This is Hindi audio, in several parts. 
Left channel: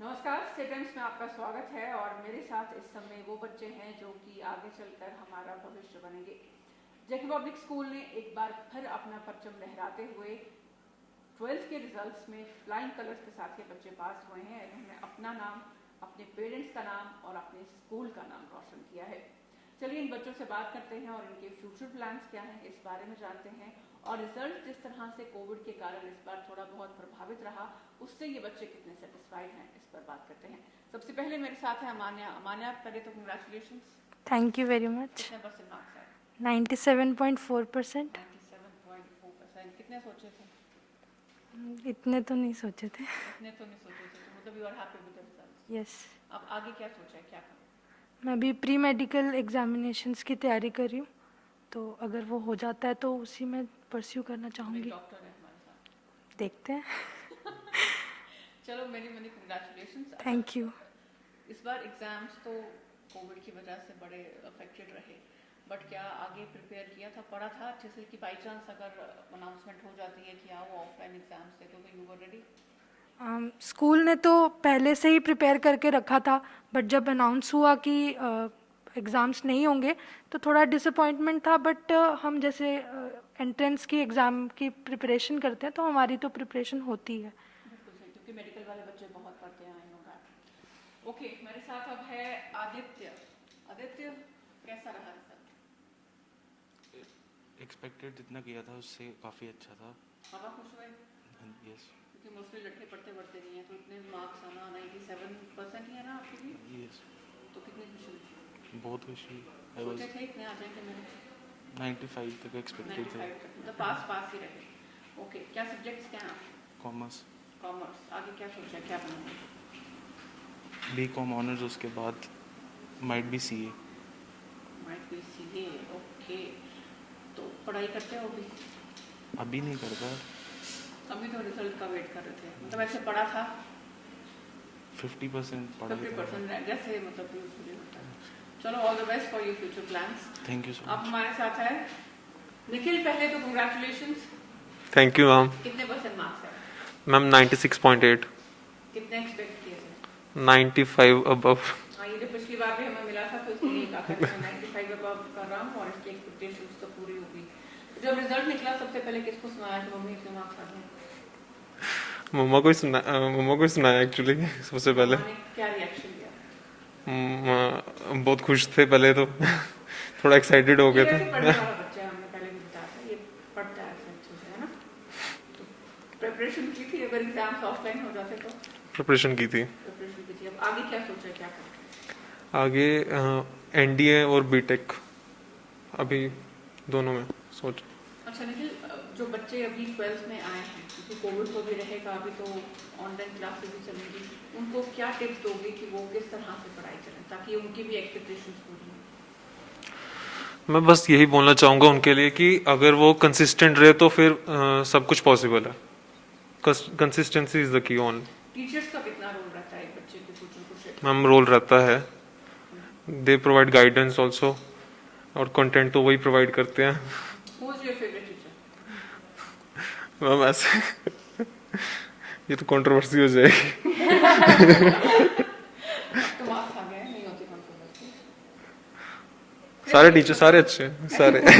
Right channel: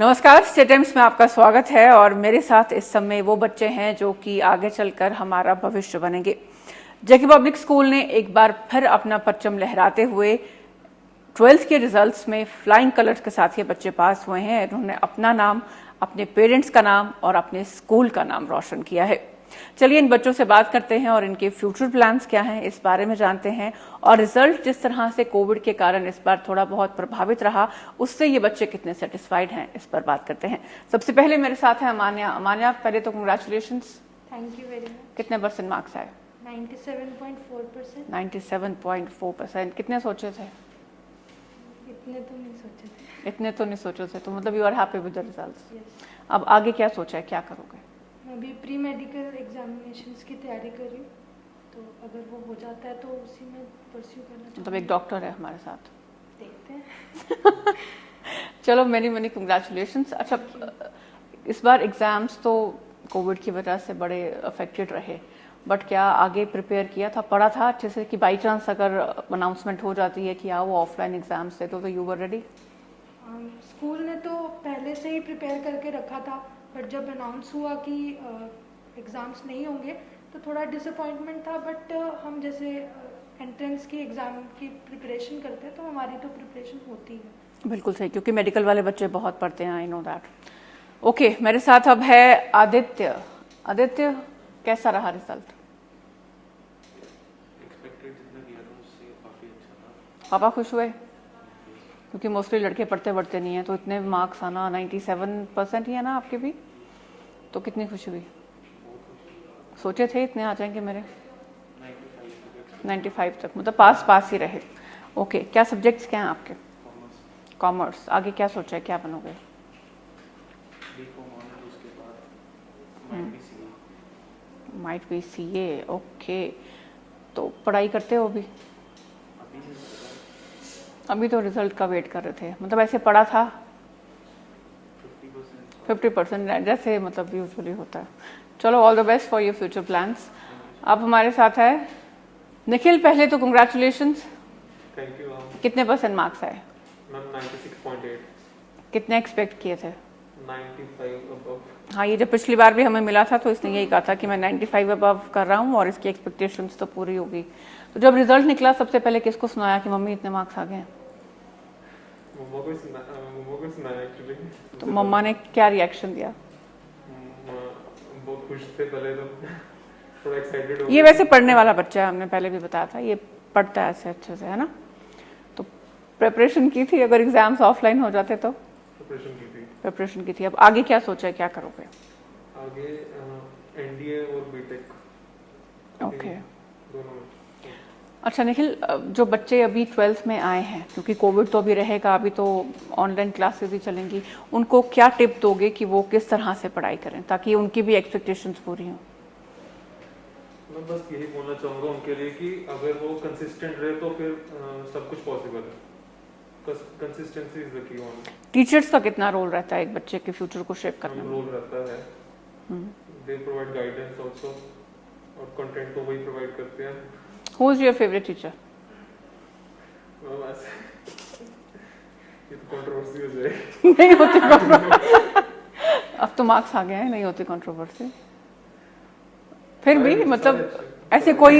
नमस्कार, स्टेट टाइम्स में आपका स्वागत है। और मेरे साथ इस समय वो बच्चे हैं जो कि आगे चलकर हमारा भविष्य बनेंगे। जेके पब्लिक स्कूल ने एक बार फिर अपना परचम लहराते हुए 12th के रिजल्ट्स में फ्लाइंग कलर्स के साथ ये बच्चे पास हुए हैं। इन्होंने अपना नाम, अपने पेरेंट्स का नाम और अपने स्कूल का नाम रोशन किया है। चलिए इन बच्चों से बात करते हैं और इनके फ्यूचर प्लान्स क्या हैं इस बारे में जानते हैं। और रिजल्ट जिस तरह से कोविड के कारण इस बार थोड़ा बहुत प्रभावित रहा, उससे ये बच्चे कितने सेटिस्फाइड हैं इस पर बात करते हैं। सबसे पहले मेरे साथ है अमान्या। अमान्या, पहले तो congratulations. Thank you very much. कितने परसेंट मार्क्स आए? 97.4%। 97.4%। कितने सोचे थे? इतने तो नहीं सोचे थे। इतने तो नहीं सोचे थे, तो मतलब you are happy with the results. Yes. अब आगे क्या सोचा है, क्या करोगे? मैं अभी प्री मेडिकल एग्जामिनेशंस की तैयारी कर रही हूँ, तो अगर वो हो जाता है तो उसी में परस्यू करना मतलब चाहूँगी। एक डॉक्टर है हमारे साथ। देखते हैं। चलो, मेनी कंग्रेचुलेशंस। अच्छा, Thank you. इस बार एग्जाम्स तो कोविड की वजह से बड़े अफेक्टेड रहे, बट क्या आगे प्रिपेयर किया था, पढ़ा था अच्छे से कि बाई चांस अगर अनाउंसमेंट हो जाती है कि हाँ वो ऑफलाइन एग्जाम्स थे तो यू वर रेडी? स्कूल ने तो पहले से ही प्रिपेयर करके रखा था, बट जब अनाउंस हुआ कि एग्ज़ाम्स नहीं होंगे तो थोड़ा डिसअपॉइंटमेंट था। बट हम जैसे एंट्रेंस की एग्ज़ाम की प्रिपरेशन करते हैं तो हमारी तो प्रिपरेशन होती है। बिल्कुल सही, क्योंकि मेडिकल वाले बच्चे बहुत पढ़ते हैं, आई नो दैट। ओके, मेरे साथ अब है आदित्य। आदित्य, कैसा रहा रिजल्ट? एक्सपेक्टेड जितना किया था उससे काफ़ी अच्छा था। पापा खुश हुए? क्योंकि मोस्टली लड़के पढ़ते नहीं हैं, तो इतने मार्क्स आना, 97% ही है ना आपके भी, तो कितनी खुशी हुई? बहुत खुशी। सोचे थे इतने आ जाएंगे मेरे? 95 तक एक्सपेक्ट। 95 तक, मतलब पास ही रहे। ओके, क्या सब्जेक्ट्स क्या हैं आपके? कॉमर्स। कॉमर्स। आगे क्या सोचा है, क्या बनोगे? बीकॉम ऑनर्स, उसके बाद might be CA. Might be CA. Okay, तो पढ़ाई करते हो अभी? अभी नहीं करता। अभी तो रिजल्ट का वेट कर रहे थे, मतलब ऐसे पढ़ा था 50%। 50%, जैसे मतलब यूजुअली होता है। चलो, all the best for your future plans. Thank you सो अब हमारे साथ है निखिल। पहले तो कंग्रेचुलेशंस। Thank you ma'am. कितने परसेंट मार्क्स आए? मैम 96.8। कितने एक्सपेक्ट किए थे? 95 अबव। हाँ, ये जब पिछली बार भी हमें मिला था तो इसने यही कहा था कि मैं 95 अबव कर रहा हूँ और इसकी एक्सपेक्टेशंस तो पूरी होगी। तो जब रिजल्ट निकला, सबसे पहले किसको सुनाया कि मम्मी इतने मार्क्स आ गए? मम्मा को ही सुनाया एक्चुअली सबसे पहले। मम्मा ने क्या रिएक्शन दिया? बहुत खुश थे पहले तो थोड़ा एक्साइटेड हो ये गए वैसे थे। पढ़ने वाला बच्चा है, हमने पहले भी बताया था, ये पढ़ता है ऐसे अच्छे से, है ना? तो प्रिपरेशन की थी, अगर एग्जाम्स ऑफलाइन हो जाते तो? प्रिपरेशन की थी। प्रिपरेशन की थी। अब आगे क्या सोचा है, क्या करोगे? आगे एनडीए और बीटेक, अभी Okay. दोनों में सोच। अच्छा निखिल, जो बच्चे अभी 12th में आए हैं, क्योंकि कोविड तो अभी रहेगा, अभी तो ऑनलाइन क्लासेस भी चलेंगी, उनको क्या टिप दोगे कि वो किस तरह से पढ़ाई करें ताकि उनकी भी एक्सपेक्टेशंस पूरी हों? मैं बस यही बोलना चाहूँगा उनके लिए कि अगर वो कंसिस्टेंट रहे तो फिर सब कुछ पॉसिबल है। Consistency is the key on. Teachers का कितना रोल रहता है एक बच्चे के फ्यूचर को शेप करने हम में? रोल रहता है, दे प्रोवाइड गाइडेंस ऑल्सो, और कंटेंट तो वही प्रोवाइड करते हैं। Who is your favourite teacher? Ma'am ऐसे ये तो कंट्रोवर्सी हो जाएगी। अब तो मार्क्स आ गए हैं, नहीं होती कंट्रोवर्सी। फिर सारे भी टीचर मतलब सारे अच्छे हैं, ऐसे सारे। कोई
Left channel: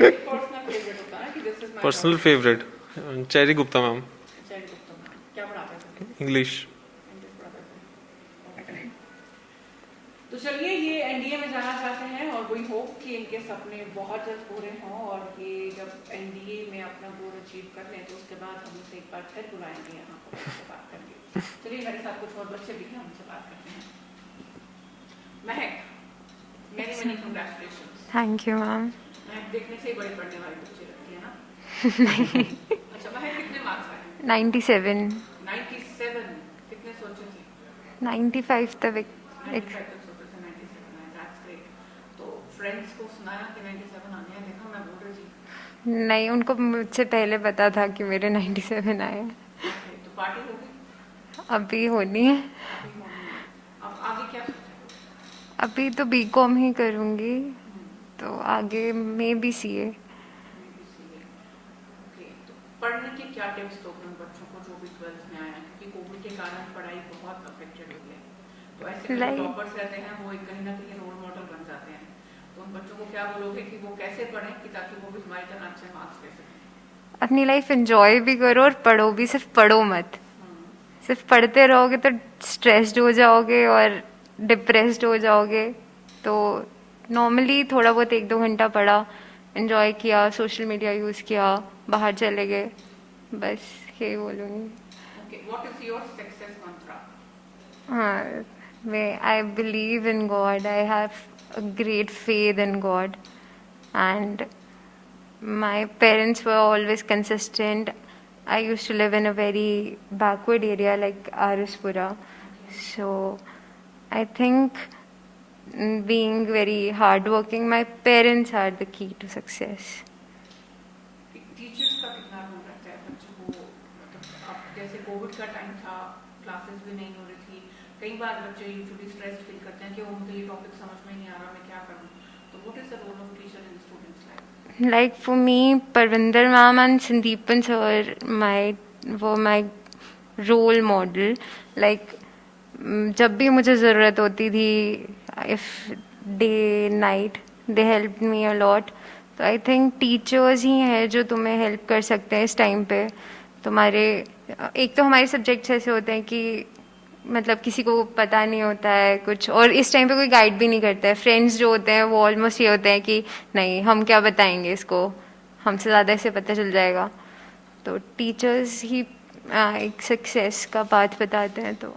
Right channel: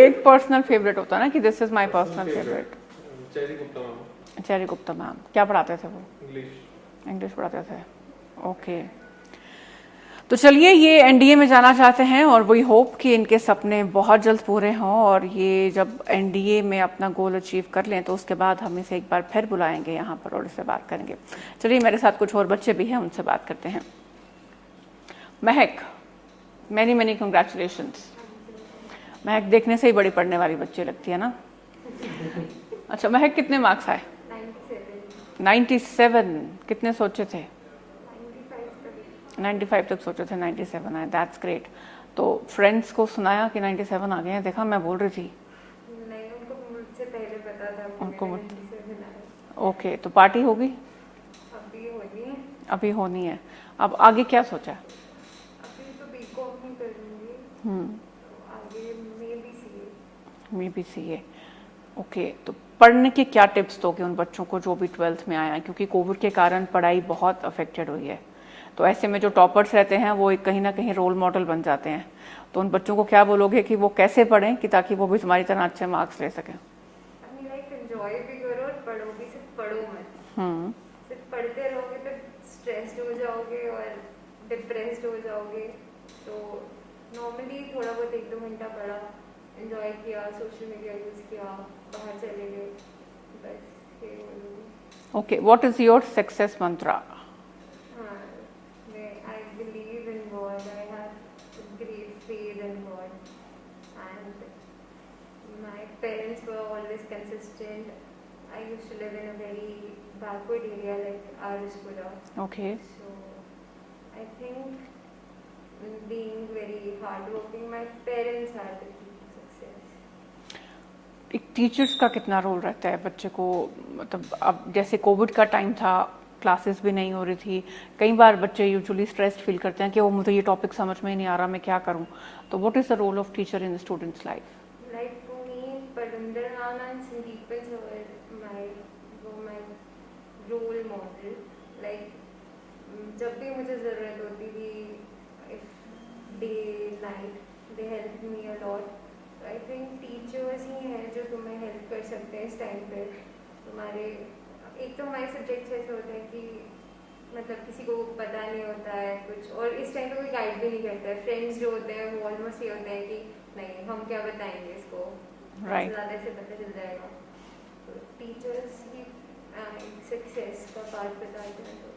एक पर्सनल फेवरेट होता है ना कि this is my personal favourite cherry Gupta ma'am, cherry Gupta ma'am. क्या पढ़ाते थे? इंग्लिश। इंग्लिश पढ़ाते थे। ओके, तो चलिए, ये एनडीए में जाना चाहते हैं और वही होप कि इनके सपने बहुत जल्द पूरे हों और ये जब एनडीए में अपना गोल अचीव कर लें तो उसके बाद हम इसे एक बार फिर बुलाएंगे यहाँ पर और इससे बात करेंगे। चलिए, मेरे साथ कुछ और बच्चे भी हैं, उनसे बात करते हैं। महक, many congratulations. Thank you ma'am. महक देखने से ही बड़ी पढ़ने वाली बच्ची लगती है ना? अच्छा महक, कितने मार्क्स आए? 97। 97। कितने सोचे थे? 95 तक। 95 तक सोचे थे, 97 आए, दैट्स ग्रेट। तो फ्रेंड्स को सुनाया कि 97 आ गए हैं? देखा, मैं बोल रही थी। नहीं, उनको मुझसे पहले पता था कि मेरे 97 आए। ओके, तो पार्टी होगी? अभी होनी है। अभी होनी है। अब आगे क्या सोचा? अभी तो बीकॉम ही करूँगी, तो आगे may be CA. May be CA. Okay, तो पढ़ने के क्या टिप्स दोगे उन बच्चों को जो भी 12th में आया है, क्योंकि कोविड के कारण पढ़ाई बहुत अफेक्टेड हुई है, तो ऐसे में जो टॉपर्स रहते हैं वो कहीं ना कहीं रोल मॉडल बन जाते हैं, तो उन बच्चों को क्या बोलोगे कि वो कैसे पढ़ें कि ताकि वो भी तुम्हारी तरह अच्छे मार्क्स ले सकें? अपनी लाइफ एंजॉय भी करो और पढ़ो भी, सिर्फ पढ़ो मत। सिर्फ पढ़ते रहोगे तो स्ट्रेस्ड हो जाओगे और डिप्रेस्ड हो जाओगे। तो नॉर्मली थोड़ा बहुत 1-2 घंटा पढ़ा, एंजॉय किया, सोशल मीडिया यूज़ किया, बाहर चले गए, बस यही बोलूँगी। Okay, what is your success mantra? हाँ, I believe in God. I have a great faith in God, and my parents were always consistent. I used to live in a very backward area like Arispura. Okay, So I think being very hardworking, my parents are the key to success. एक टीचर्स का कितना रोल रहता है बच्चे को, मतलब अब जैसे कोविड का टाइम था, क्लासेस भी नहीं हो रही थी, कई बार बच्चे यूजुअली स्ट्रेस्ड फील करते हैं कि वो मुझे ये टॉपिक समझ में ही नहीं आ रहा, मैं क्या करूं, तो what is the role of teacher in students life? Like for me, Parvinder ma'am and Sandeepan sir, were my role model. Like जब भी मुझे ज़रूरत होती थी, if day night, they helped me a lot. तो आई थिंक टीचर्स ही हैं जो तुम्हें हेल्प कर सकते हैं इस टाइम पे। तुम्हारे एक तो हमारे सब्जेक्ट्स ऐसे होते हैं कि मतलब किसी को पता नहीं होता है कुछ, और इस टाइम पे कोई गाइड भी नहीं करता है। फ्रेंड्स जो होते हैं वो ऑलमोस्ट ये होते हैं कि नहीं, हम क्या बताएंगे इसको, हमसे ज़्यादा इसे पता चल जाएगा। तो टीचर्स ही एक सक्सेस का पाथ बताते हैं। तो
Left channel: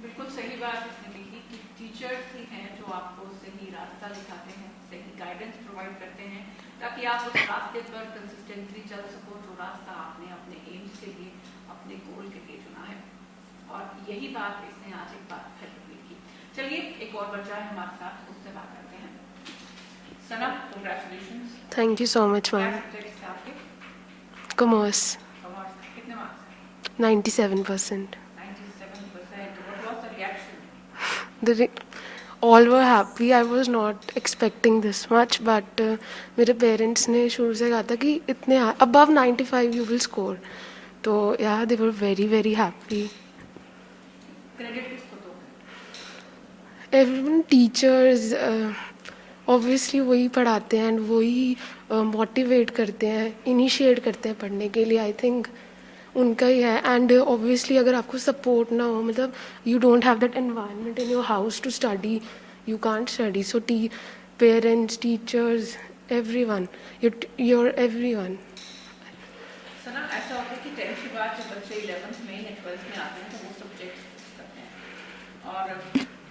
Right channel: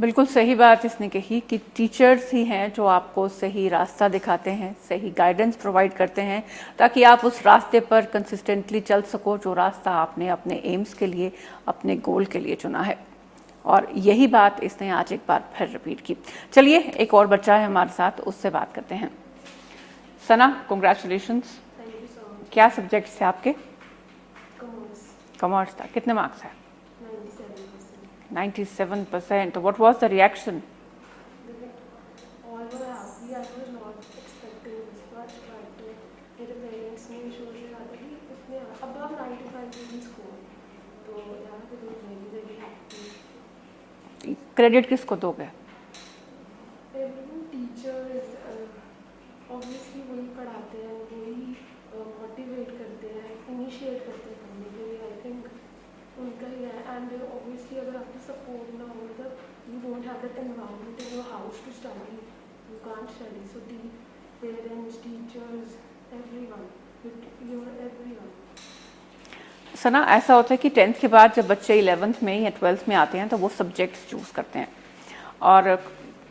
बिल्कुल सही बात इसने कही कि टीचर्स ही हैं जो आपको सही रास्ता दिखाते हैं, सही गाइडेंस प्रोवाइड करते हैं, ताकि आप उस रास्ते पर कंसिस्टेंटली चल सको जो रास्ता आपने अपने एम्स के लिए, अपने गोल के लिए चुना है। और यही बात इसने आज एक बार फिर रिपीट की। चलिए, एक और बच्चा है हमारे साथ, उससे बात करते हैं। Sana, congratulations. Thank you so much. क्या सब्जेक्ट्स थे आपके? कॉमर्स। कॉमर्स था। कितने मार्क्स है? 97%. 97%. What was the reaction? All were happy. I was not expecting this much, but मेरे पेरेंट्स ने शुरू से कहा था कि इतने above 95 you will score. तो yeah, they were very very happy. Credit किसको दोगे? Everyone, teachers, obviously वही पढ़ाते हैं and वही मोटिवेट करते हैं, इनिशिएट करते हैं पढ़ने के लिए। आई थिंक उनका ही है। एंड ऑब्वियसली अगर आपको सपोर्ट ना हो, मतलब you don't have that environment in your house to study, you can't study. So parents, teachers, everyone, your everyone. Sana, ऐसा होता है कि 10th के बाद जब बच्चे 11th में या 12th में आते हैं तो वो सब्जेक्ट्स चूज़ करते हैं, और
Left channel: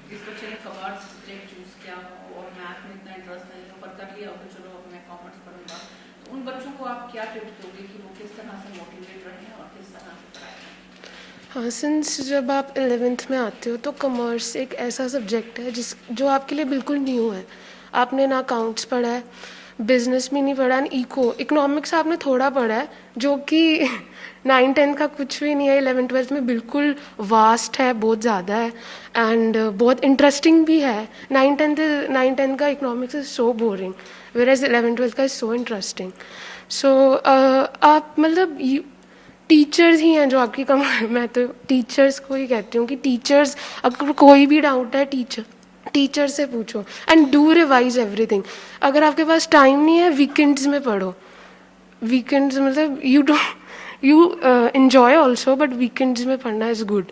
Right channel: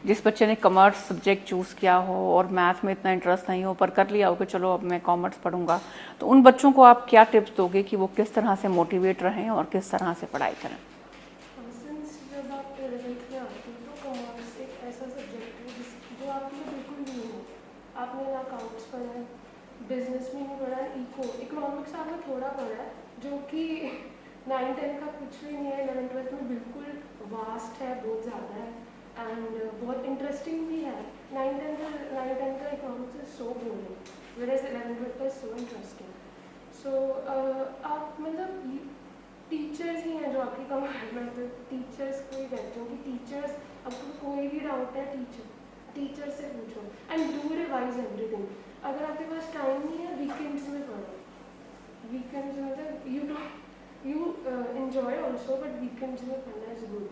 जिस बच्चे ने कॉमर्स सब्जेक्ट चूज़ किया हो और मैथ में इतना इंटरेस्ट नहीं हो पर कर लिया हो कि चलो अब मैं कॉमर्स पढ़ूंगा, तो उन बच्चों को आप क्या टिप्स दोगे कि वो किस तरह से मोटिवेट रहें और किस तरह से पढ़ाई करें? हाँ, सिंस जब आप 11th में आते हो तो कॉमर्स एक ऐसा सब्जेक्ट है जो आपके लिए बिल्कुल न्यू है। आपने ना अकाउंट्स पढ़ा है, बिजनेस भी नहीं पढ़ा, एंड इकोनॉमिक्स आपने थोड़ा पढ़ा है जो कि 9-10 का कुछ भी नहीं है। 11th-12th में बिल्कुल वास्ट है, बहुत ज़्यादा है, एंड बहुत इंटरेस्टिंग भी है। 9-10 का economics is so boring, whereas 11th-12th का इज़ सो इंटरेस्टिंग। सो आप मतलब टीचर्स ही हैं जो आपकी मैं तो टीचर्स को ही कहती हूँ कि टीचर्स, अगर कोई भी डाउट है टीचर से पूछो, एंड डू रिवाइज एवरीथिंग। अगर आपके पास टाइम नहीं है, वीकेंड्स में पढ़ो। वीकेंड्स मतलब you enjoy also, but weekends में पढ़ना इज़ गुड।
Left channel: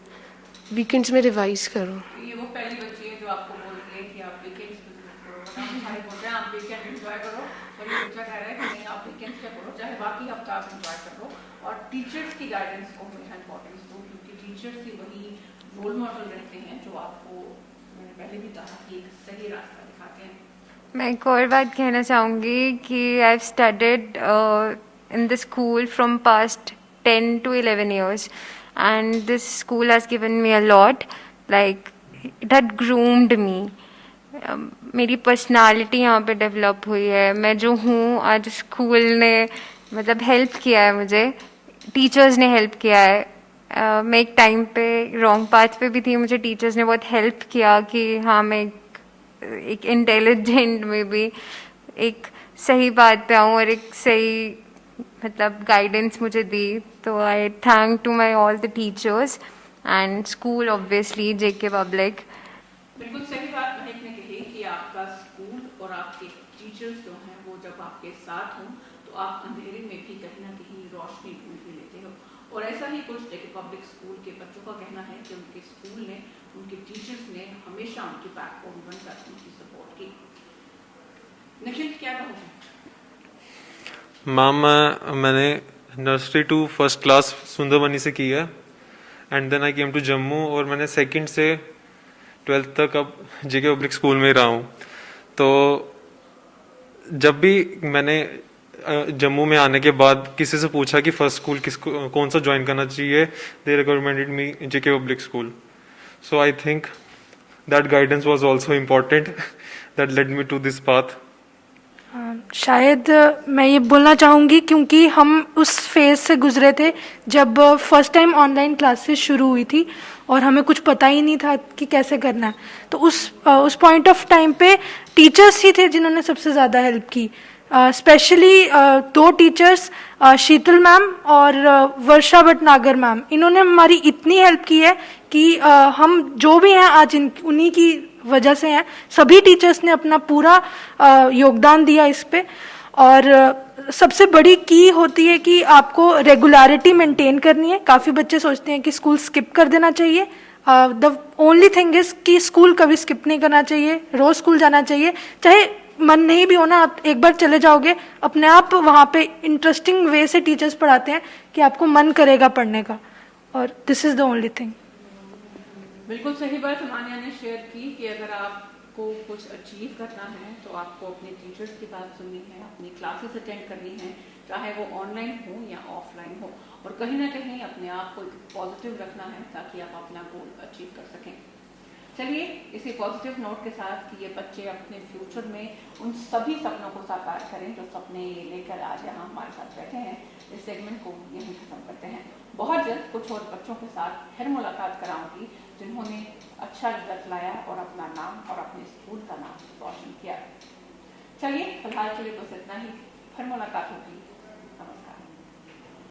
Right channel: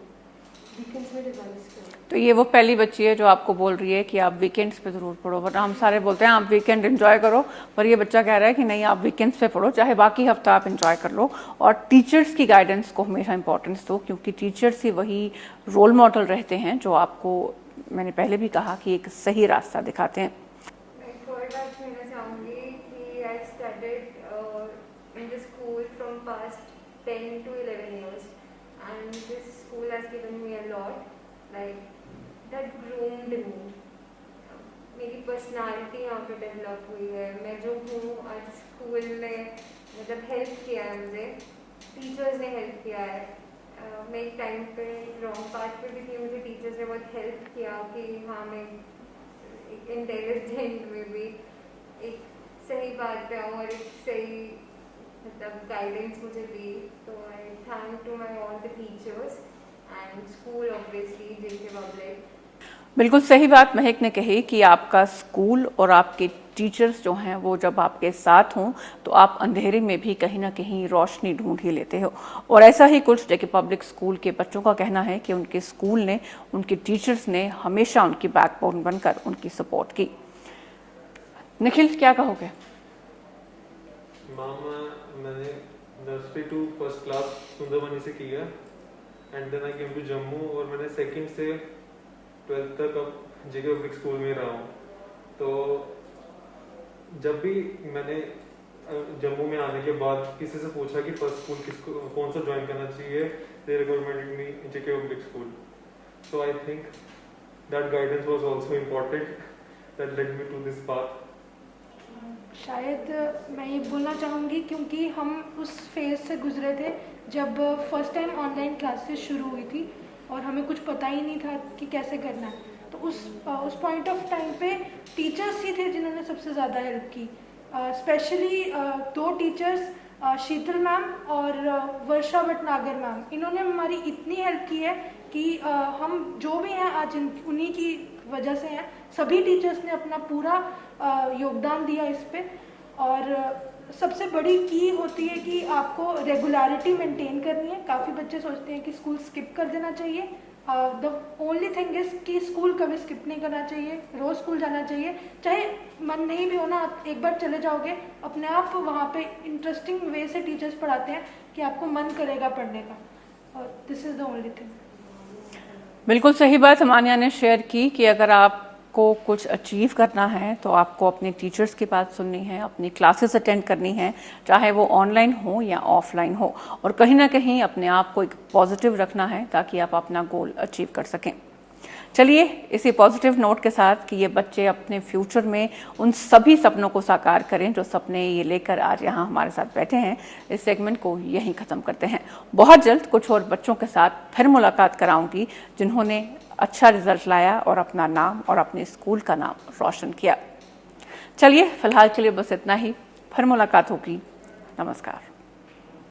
वीकेंड्स में रिवाइज करो। तो ये वो पहली बच्ची है जो आपको बोल रही है कि आप वीकेंड्स पे ज़रूर पढ़ो, बट हम सारे बोलते हैं आप वीकेंड एंजॉय करो, पर ये बच्चा कह रहा है कि नहीं, आप वीकेंड्स पे पढ़ो, चाहे बाकी हफ्ता आप एंजॉय कर लो, और टीचर्स की गाइडेंस को हमेशा इंपॉर्टेंस दो, क्योंकि टीचर्स ही वही रोल मॉडल रहते हैं जो आपको, मैंने पहले भी कहा, कि एक सही रास्ता दिखाते हैं। मैं एक और बात कहना चाहूँगी कि I have studied in the school from past 10 to 11 years, and this school has given me a lot. Like it had groomed me. मेरी पर्सनालिटी यहाँ पे डेवलप हुई है। मैं जो हूँ आज, स्कूल ने मतलब हेल्प किया है मुझे, टीचर्स ने हेल्प किया है। मैं एक टाइम पे रॉन्ग पाथ पे भी थी, मुझे टीचर्स ने बहुत हेल्प किया कि हाँ, मैं एक इंटेलिजेंट में भी एक सही बात पे आऊँ और एक सही मतलब गाइडेंस मुझे दी, तो I thank to my all the teachers and school obviously JK public. बिल्कुल सही बात महक ने कही कि आपका स्कूल और आपके टीचर्स जो हैं वो जब आपके साथ हों तो आप अंधेरे में भी कहीं ना कहीं रोशनी ढूंढ ही लेते हो। और ऐसा ही कुछ जेके पब्लिक स्कूल के बच्चों का कहना है कि उनके स्कूल ने, उनके टीचर्स ने हमेशा उनकी बैकबोन बनकर उनकी सपोर्ट की। निखिल, क्या कहोगे? मैम, मैंने nursery to first class Sundarbani से की है and then I came to Jammu, और मैंने सेकंड से 12th तक अब जेके पब्लिक स्कूल में ही रहा हूँ। तो जब भी मैंने जम्मू में आने के बाद किसी से पूछा कि फर्स्ट स्कूल कौन सा ज्वाइन करना चाहिए, they recommended me JK public school. So I think that guidance was also important that led me to this path. शायद मैं ये बोलना चाहूँगी क्योंकि हम उस फेज़ से गुजरे थे जब फर्स्ट टाइम ऑनलाइन क्लासेस शुरू हुई थी और हमें कुछ पता ही नहीं था कि कैसे करना है। तो उस पॉइंट ऑफ टाइम पे टीचर्स ही थे जिन्होंने सबसे ज़्यादा हेल्प की। स्पेशली 2 टीचर्स, शीतल मैम और वर्षा भटनागर मैम, इन्होंने हमारी इतनी हेल्प की है कि हम जो भी हैं आज उन्हीं की वजह से हैं। सभी टीचर्स ने अपना पूरा योगदान दिया इस पे। और सबसे बड़ी की होती है कि आपको रेगुलरिटी मेंटेन करनी है। काफ़ी बच्चे सोचते हैं कि स्कूल स्किप कर देना चाहिए। द ओनली थिंग इज़ कि स्कूल कभी स्किप नहीं करना चाहिए, रोज़ स्कूल जाना चाहिए। चाहे मन नहीं भी हो ना, आप एक बार चले जाओगे, अपने आप वहाँ पे इंटरेस्टिंग वे से टीचर्स पढ़ाते हैं कि आपको मन करेगा पढ़ने का। और this is the only thing. बिल्कुल सही बात मान्या ने शेयर की कि अगर आपको कुछ अचीव करना है तो आपको अपने टीचर्स की बात सुननी है, अपनी क्लासेस अटेंड करनी है, चाहे वो ऑनलाइन हो या ऑफलाइन हो, और कहीं ना कहीं अपने आप को एक पॉजिटिव रखना है ताकि आप अपना गोल अचीव कर सकें। चलिए इसी पॉजिटिव नोट के साथ कि ये बच्चे अपने फ्यूचर में उन सभी सपनों को साकार करें जो सपने ये लेकर आज यहाँ हमारे साथ बैठे हैं, इस सेगमेंट को यहीं ख़त्म करते हैं। बहुत जल्द कुछ और बच्चों के साथ फिर मुलाकात कराऊंगी जिन्होंने अच्छा रिजल्ट लाया और अपना नाम और अपने स्कूल का नाम रोशन किया। चलिए फिलहाल के लिए बस इतना ही, फिर मुलाकात होगी। नमस्कार।